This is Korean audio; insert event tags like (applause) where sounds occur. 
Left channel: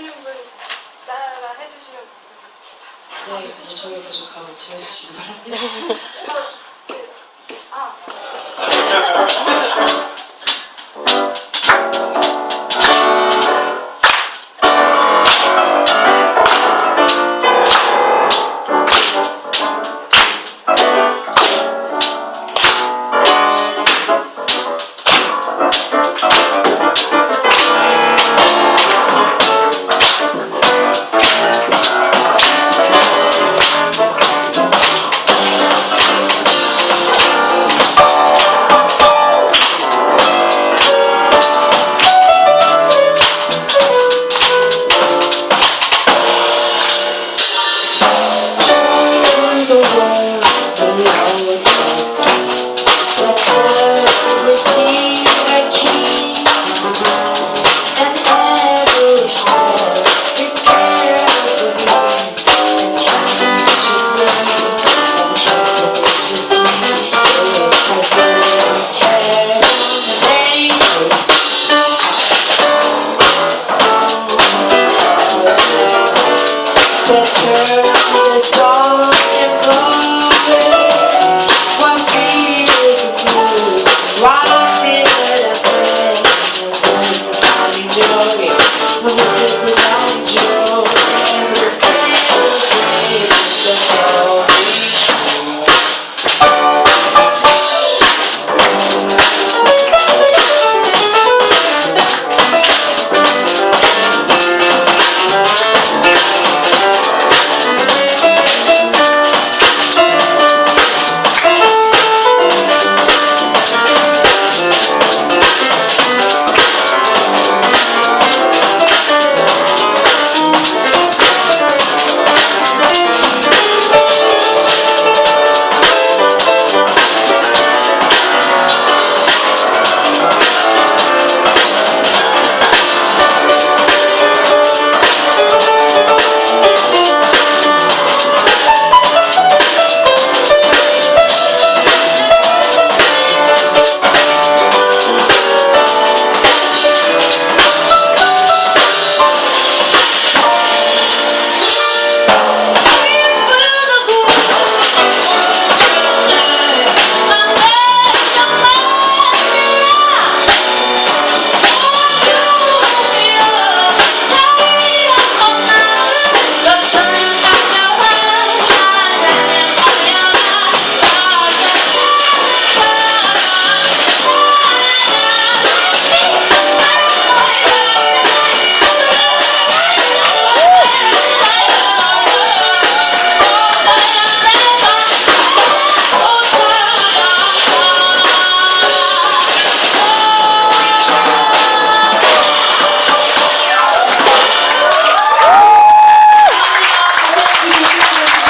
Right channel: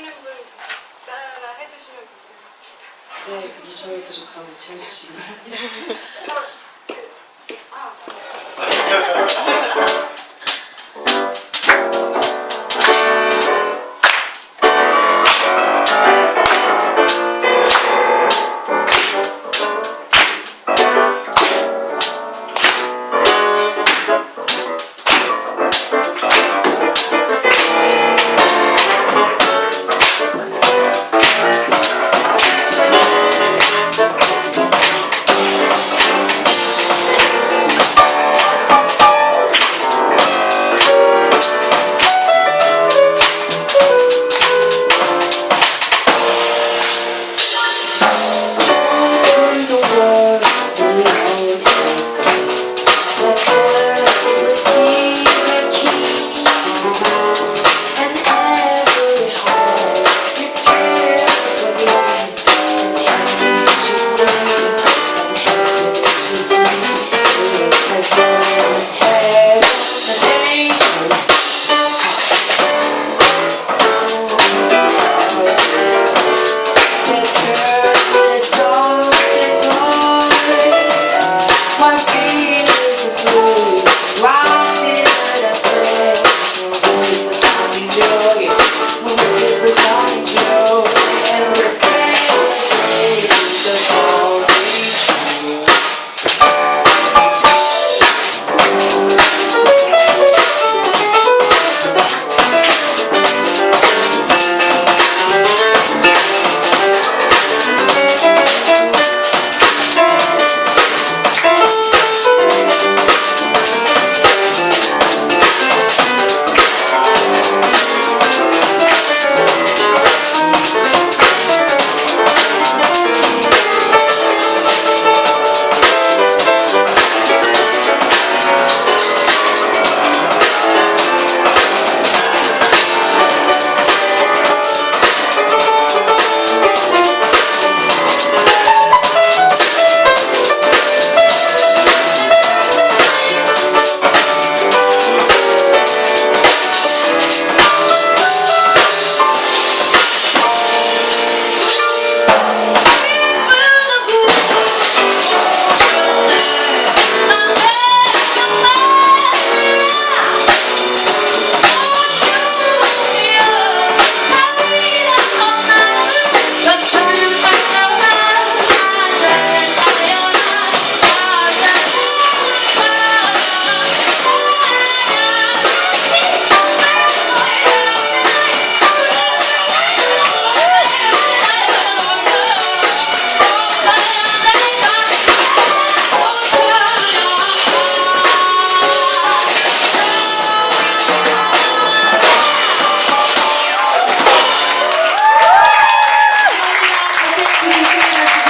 아시는 분 따라 해주시면 좋겠습니다. 네, 그래서 저희 부족함을 채워주시기 바랍니다. 아, 네. (laughs)